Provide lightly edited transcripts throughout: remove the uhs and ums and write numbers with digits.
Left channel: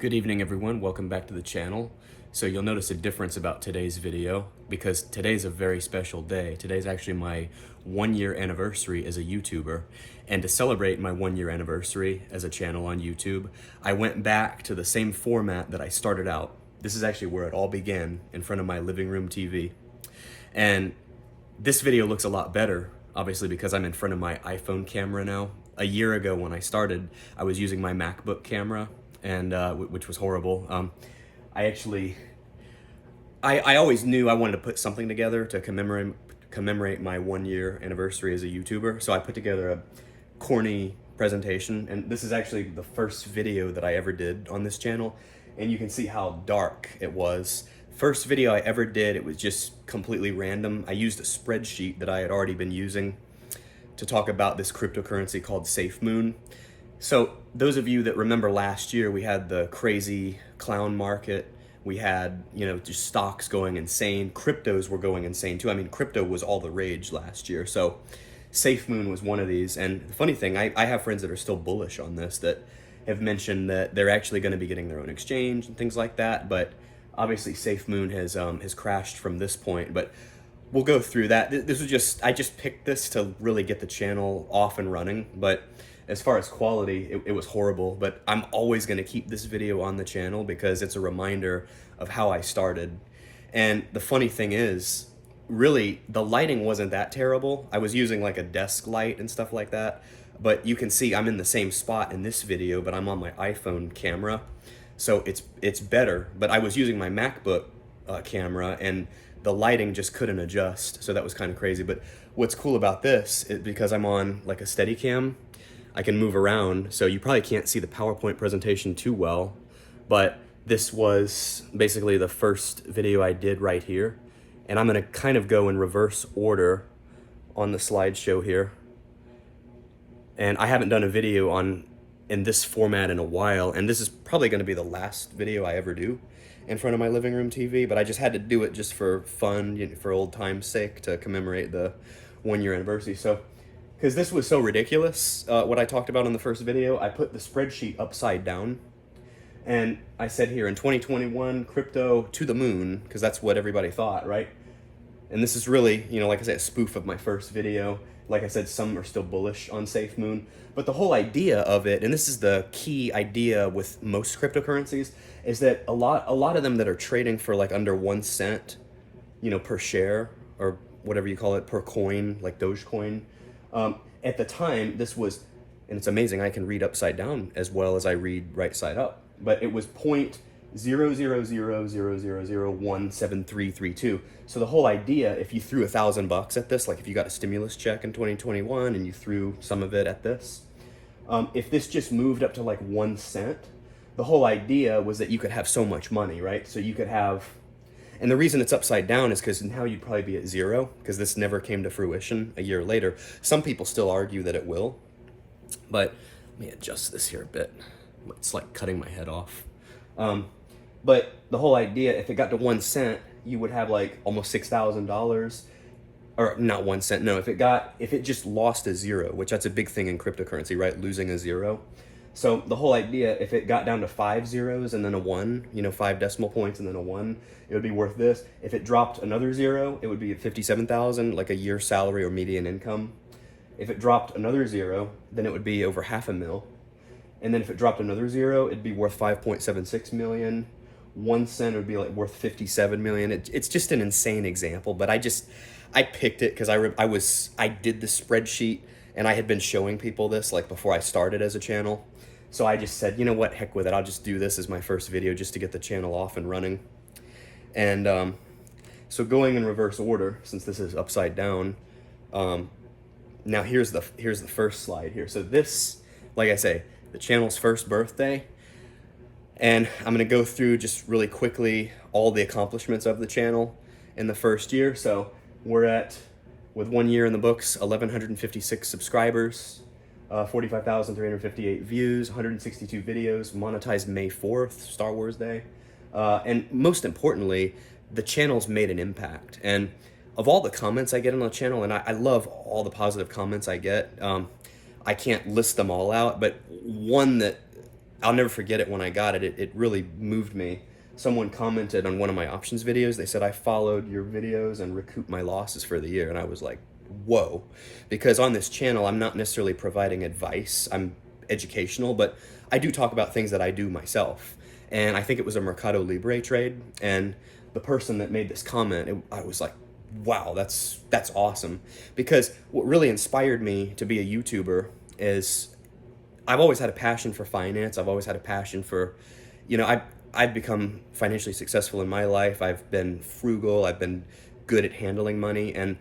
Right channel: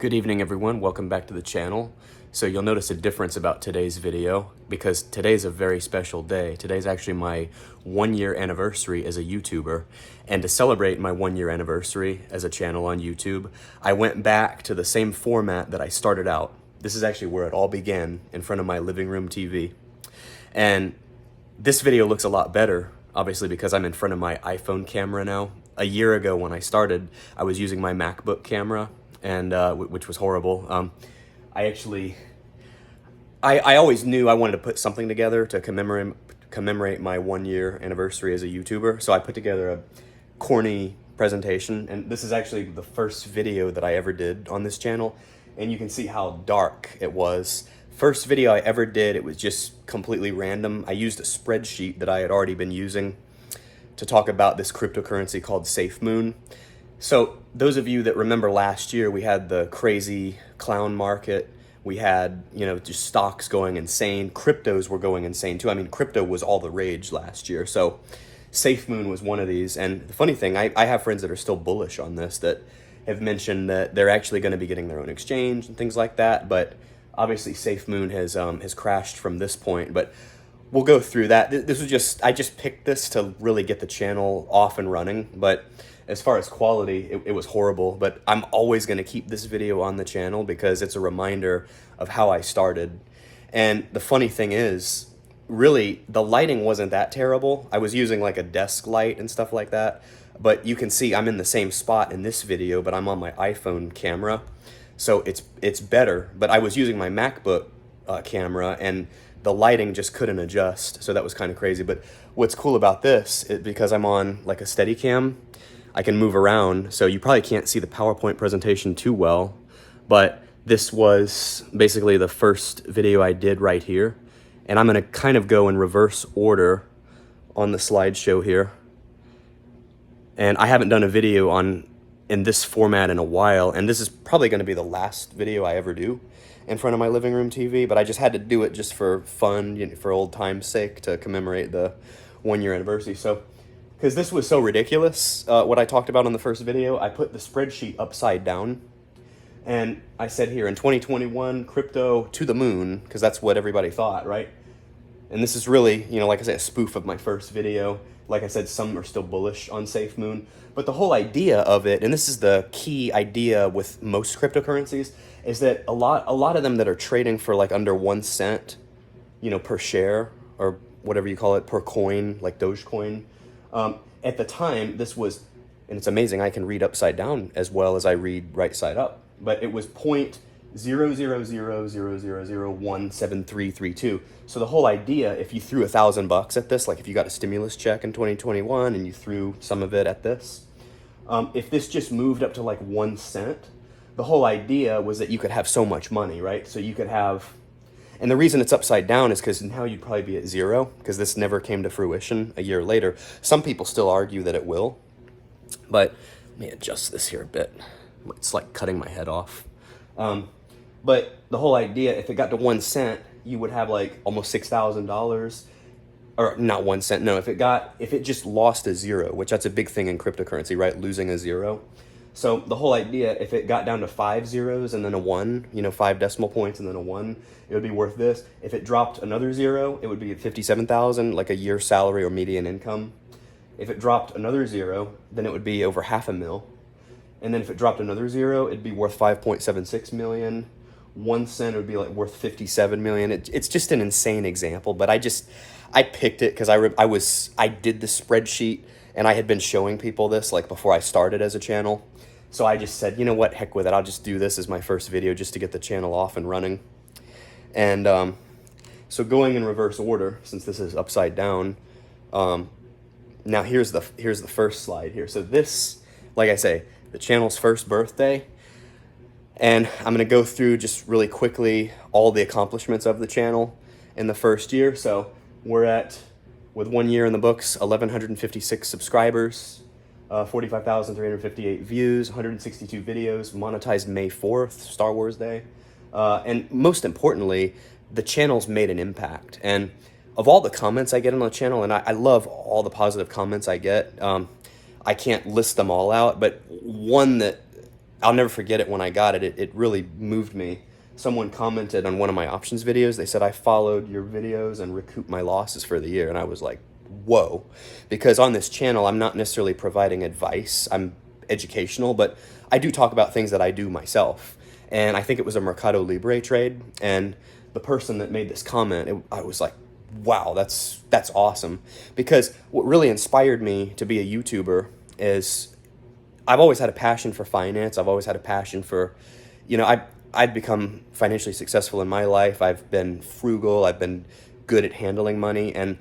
Good evening, everyone. Welcome back to the channel. So you'll notice a difference about today's video because today's a very special day. Today's actually my 1-year anniversary as a YouTuber. And to celebrate my 1-year anniversary as a channel on YouTube, I went back to the same format that I started out. This is actually where it all began, in front of my living room TV. And this video looks a lot better, obviously, because I'm in front of my iPhone camera now. A year ago when I started, I was using my MacBook camera, and which was horrible. I always knew I wanted to put something together to commemorate my 1-year anniversary as a YouTuber. So I put together a corny presentation, and this is actually the first video that I ever did on this channel, and you can see how dark it was. First video I ever did, it was just completely random. I used a spreadsheet that I had already been using to talk about this cryptocurrency called safemoon. So those of you that remember last year, we had the crazy clown market. We had, just stocks going insane. Cryptos were going insane too. I mean, crypto was all the rage last year. So safemoon was one of these. And the funny thing, I have friends that are still bullish on this that have mentioned that they're actually going to be getting their own exchange and things like that. But obviously safemoon has crashed from this point. But we'll go through that. I just picked this to really get the channel off and running. But as far as quality, it was horrible, but I'm always going to keep this video on the channel because it's a reminder of how I started. And the funny thing is, really, the lighting wasn't that terrible. I was using like a desk light and stuff like that, but you can see I'm in the same spot in this video, but I'm on my iPhone camera, so it's better. But I was using my MacBook camera, and the lighting just couldn't adjust, so that was kind of crazy. But what's cool about this is because I'm on like a Steadicam, I can move around, so you probably can't see the PowerPoint presentation too well, but this was basically the first video I did right here, and I'm going to kind of go in reverse order on the slideshow here. And I haven't done a video in this format in a while, and this is probably going to be the last video I ever do in front of my living room TV, but I just had to do it just for fun, for old time's sake, to commemorate the 1-year anniversary. So because this was so ridiculous, what I talked about in the first video, I put the spreadsheet upside down, and I said here, in 2021, crypto to the moon, because that's what everybody thought, right? And this is really, like I said, a spoof of my first video. Like I said, some are still bullish on safemoon, but the whole idea of it, and this is the key idea with most cryptocurrencies, is that a lot of them that are trading for like under 1 cent, per share, or whatever you call it, per coin, like Dogecoin. At the time, this was, and it's amazing, I can read upside down as well as I read right side up, but it was 0.00000017332. So the whole idea, if you threw $1,000 at this, like if you got a stimulus check in 2021 and you threw some of it at this, if this just moved up to like 1 cent, the whole idea was that you could have so much money, right? So you could have, and the reason it's upside down is because now you'd probably be at zero, because this never came to fruition a year later. Some people still argue that it will, but let me adjust this here a bit. It's like cutting my head off. But the whole idea, if it got to 1 cent, you would have like almost $6,000, or not 1 cent. No, if it just lost a zero, which that's a big thing in cryptocurrency, right? Losing a zero. So the whole idea, if it got down to 5 zeros and then a 1, 5 decimal points and then a 1, it would be worth this. If it dropped another zero, it would be at 57,000, like a year's salary or median income. If it dropped another zero, then it would be over $500,000. And then if it dropped another zero, it'd be worth 5.76 million. 1 cent would be like worth 57 million. It's just an insane example, but I picked it because I did the spreadsheet, and I had been showing people this like before I started as a channel. So I just said, you know what, heck with it. I'll just do this as my first video just to get the channel off and running. And so going in reverse order, since this is upside down, now here's the first slide here. So this, like I say, the channel's first birthday. And I'm going to go through just really quickly all the accomplishments of the channel in the first year. So we're at, with 1 year in the books, 1,156 subscribers. 45,358 views, 162 videos, monetized May 4th, Star Wars Day. And most importantly, the channel's made an impact. And of all the comments I get on the channel, and I love all the positive comments I get, I can't list them all out, but one that I'll never forget it when I got it. It really moved me. Someone commented on one of my options videos. They said, I followed your videos and recouped my losses for the year. And I was like, whoa. Because on this channel, I'm not necessarily providing advice. I'm educational, but I do talk about things that I do myself. And I think it was a Mercado Libre trade. And the person that made this comment, I was like, wow, that's awesome. Because what really inspired me to be a YouTuber is I've always had a passion for finance. I've always had a passion for, I've become financially successful in my life. I've been frugal. I've been good at handling money. And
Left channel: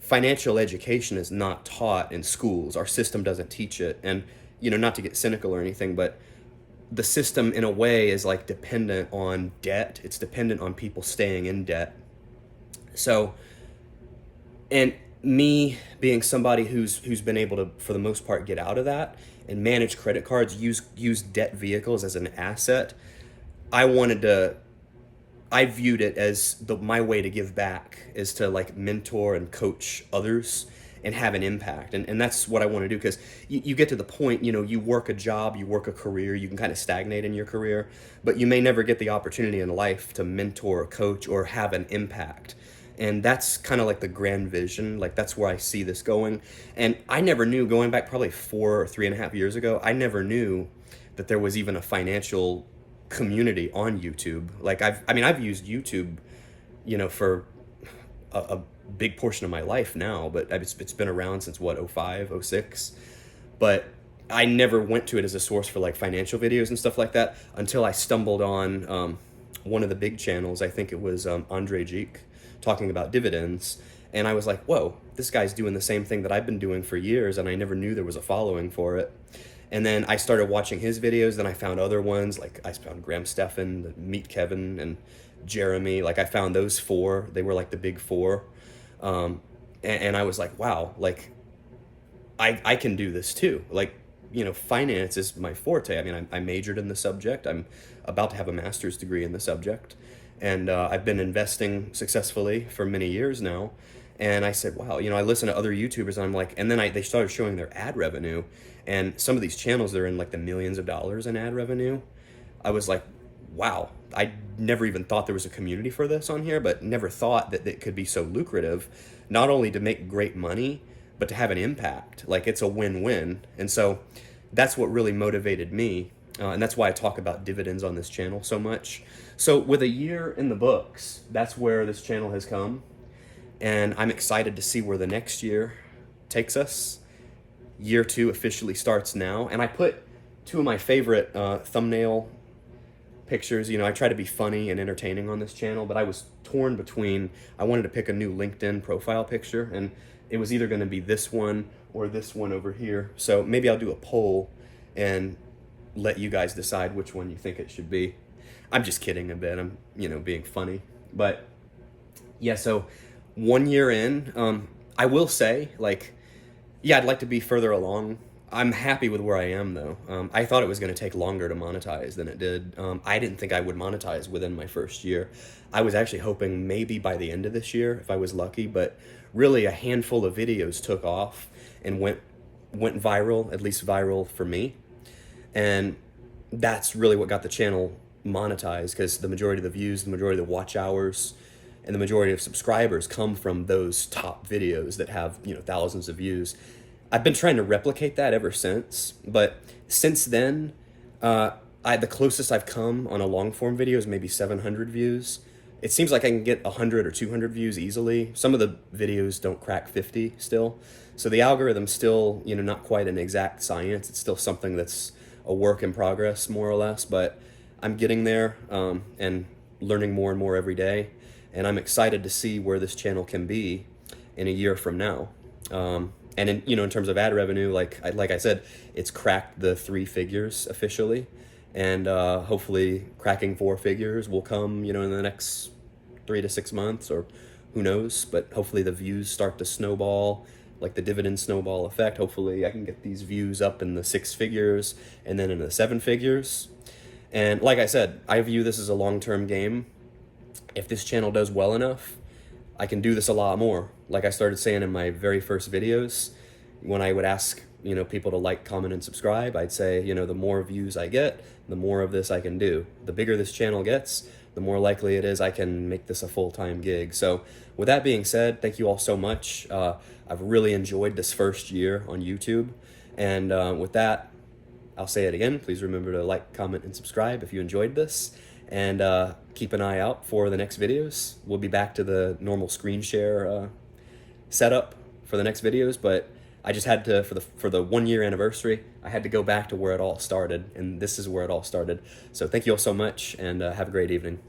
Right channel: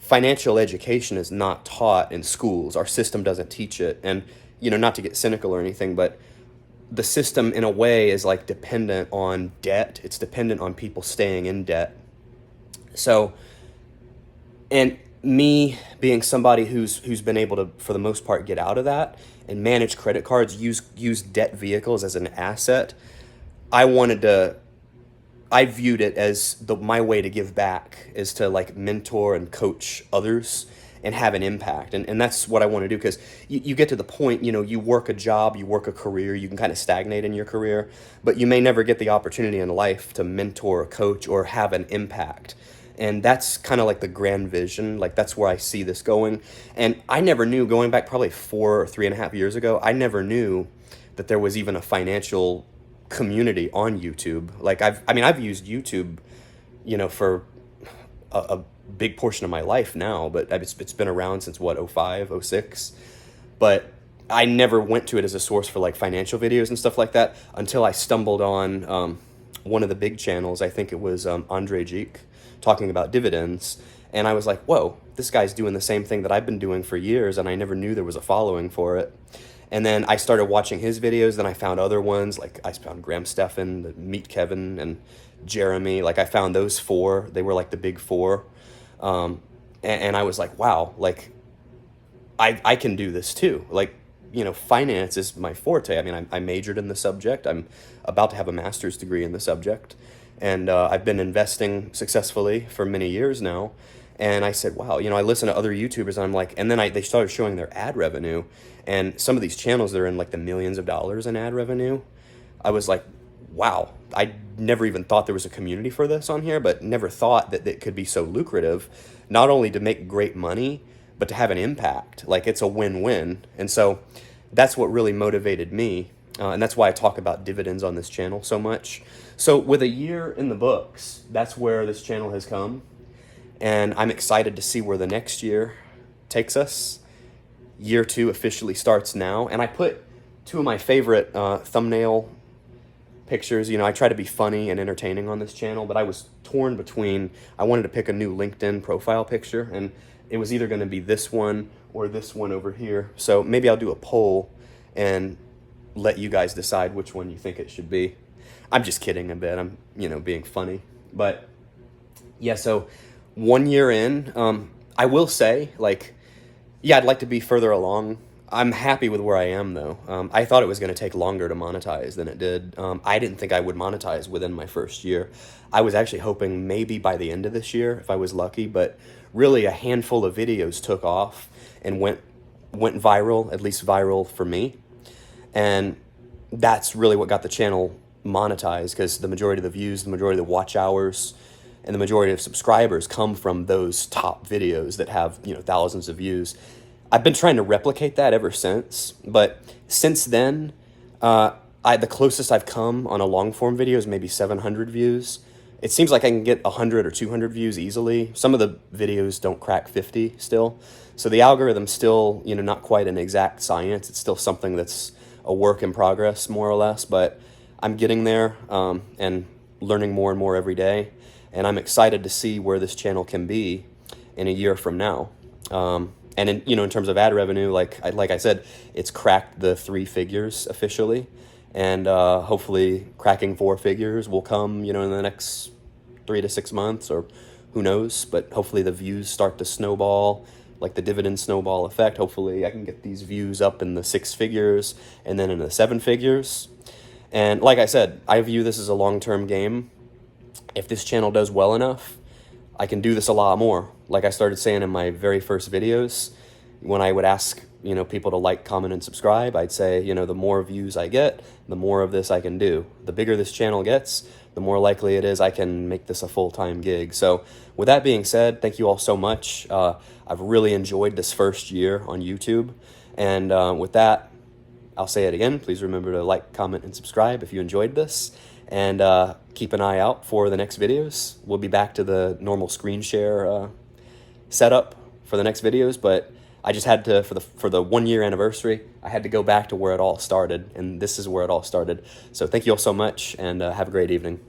financial education is not taught in schools. Our system doesn't teach it. And, not to get cynical or anything, but the system in a way is like dependent on debt. It's dependent on people staying in debt. So, and me being somebody who's been able to, for the most part, get out of that and manage credit cards, use debt vehicles as an asset, I viewed it as my way to give back is to like mentor and coach others and have an impact. And that's what I want to do, because you get to the point, you work a job, you work a career, you can kind of stagnate in your career, but you may never get the opportunity in life to mentor or coach or have an impact. And that's kind of like the grand vision. Like, that's where I see this going. And I never knew, going back probably 4 or 3.5 years ago, I never knew that there was even a financial community on YouTube. Like, I've used YouTube, for a big portion of my life now, but it's been around since what, 05, 06. But I never went to it as a source for like financial videos and stuff like that until I stumbled on one of the big channels. I think it was Andre Geek, talking about dividends. And I was like, whoa, this guy's doing the same thing that I've been doing for years, and I never knew there was a following for it. And then I started watching his videos, then I found other ones, like I found Graham Stephan, Meet Kevin, and Jeremy. Like, I found those 4. They were like the big 4. And I was like, wow, like I can do this too. Like, finance is my forte. I mean, I majored in the subject. I'm about to have a master's degree in the subject. And I've been investing successfully for many years now. And I said, wow, I listen to other YouTubers, and I'm like, and then they started showing their ad revenue. And some of these channels, they're in like the millions of dollars in ad revenue. I was like, wow, I never even thought there was a community for this on here, but never thought that it could be so lucrative, not only to make great money, but to have an impact. Like, it's a win-win. And so that's what really motivated me. And that's why I talk about dividends on this channel so much. So with a year in the books, that's where this channel has come. And I'm excited to see where the next year takes us. Year 2 officially starts now. And I put 2 of my favorite thumbnail pictures. I try to be funny and entertaining on this channel, but I was torn between, I wanted to pick a new LinkedIn profile picture, and it was either going to be this one or this one over here. So maybe I'll do a poll and let you guys decide which one you think it should be. I'm just kidding a bit. I'm, being funny. But yeah, so 1 year in, I will say, like, yeah, I'd like to be further along. I'm happy with where I am, though. I thought it was going to take longer to monetize than it did. I didn't think I would monetize within my first year. I was actually hoping maybe by the end of this year, if I was lucky, but really a handful of videos took off and went viral, at least viral for me. And that's really what got the channel monetized, because the majority of the views, the majority of the watch hours, and the majority of subscribers come from those top videos that have, thousands of views. I've been trying to replicate that ever since, but since then, the closest I've come on a long form video is maybe 700 views. It seems like I can get 100 or 200 views easily. Some of the videos don't crack 50 still. So the algorithm's still, not quite an exact science. It's still something that's a work in progress, more or less, but I'm getting there and learning more and more every day. And I'm excited to see where this channel can be in a year from now. And in terms of ad revenue, like I said, it's cracked the 3 figures officially, and hopefully cracking 4 figures will come, in the next 3 to 6 months, or who knows. But hopefully the views start to snowball, like the dividend snowball effect. Hopefully I can get these views up in the 6 figures and then in the 7 figures. And like I said, I view this as a long-term game. If this channel does well enough, I can do this a lot more. Like I started saying in my very first videos, when I would ask people to like, comment, and subscribe. I'd say, the more views I get, the more of this I can do. The bigger this channel gets, the more likely it is I can make this a full-time gig. So with that being said, thank you all so much. I've really enjoyed this first year on YouTube. And with that, I'll say it again. Please remember to like, comment, and subscribe if you enjoyed this. And keep an eye out for the next videos. We'll be back to the normal screen share setup for the next videos, but I just had to, for the 1 year anniversary, I had to go back to where it all started, and this is where it all started. So thank you all so much, and have a great evening.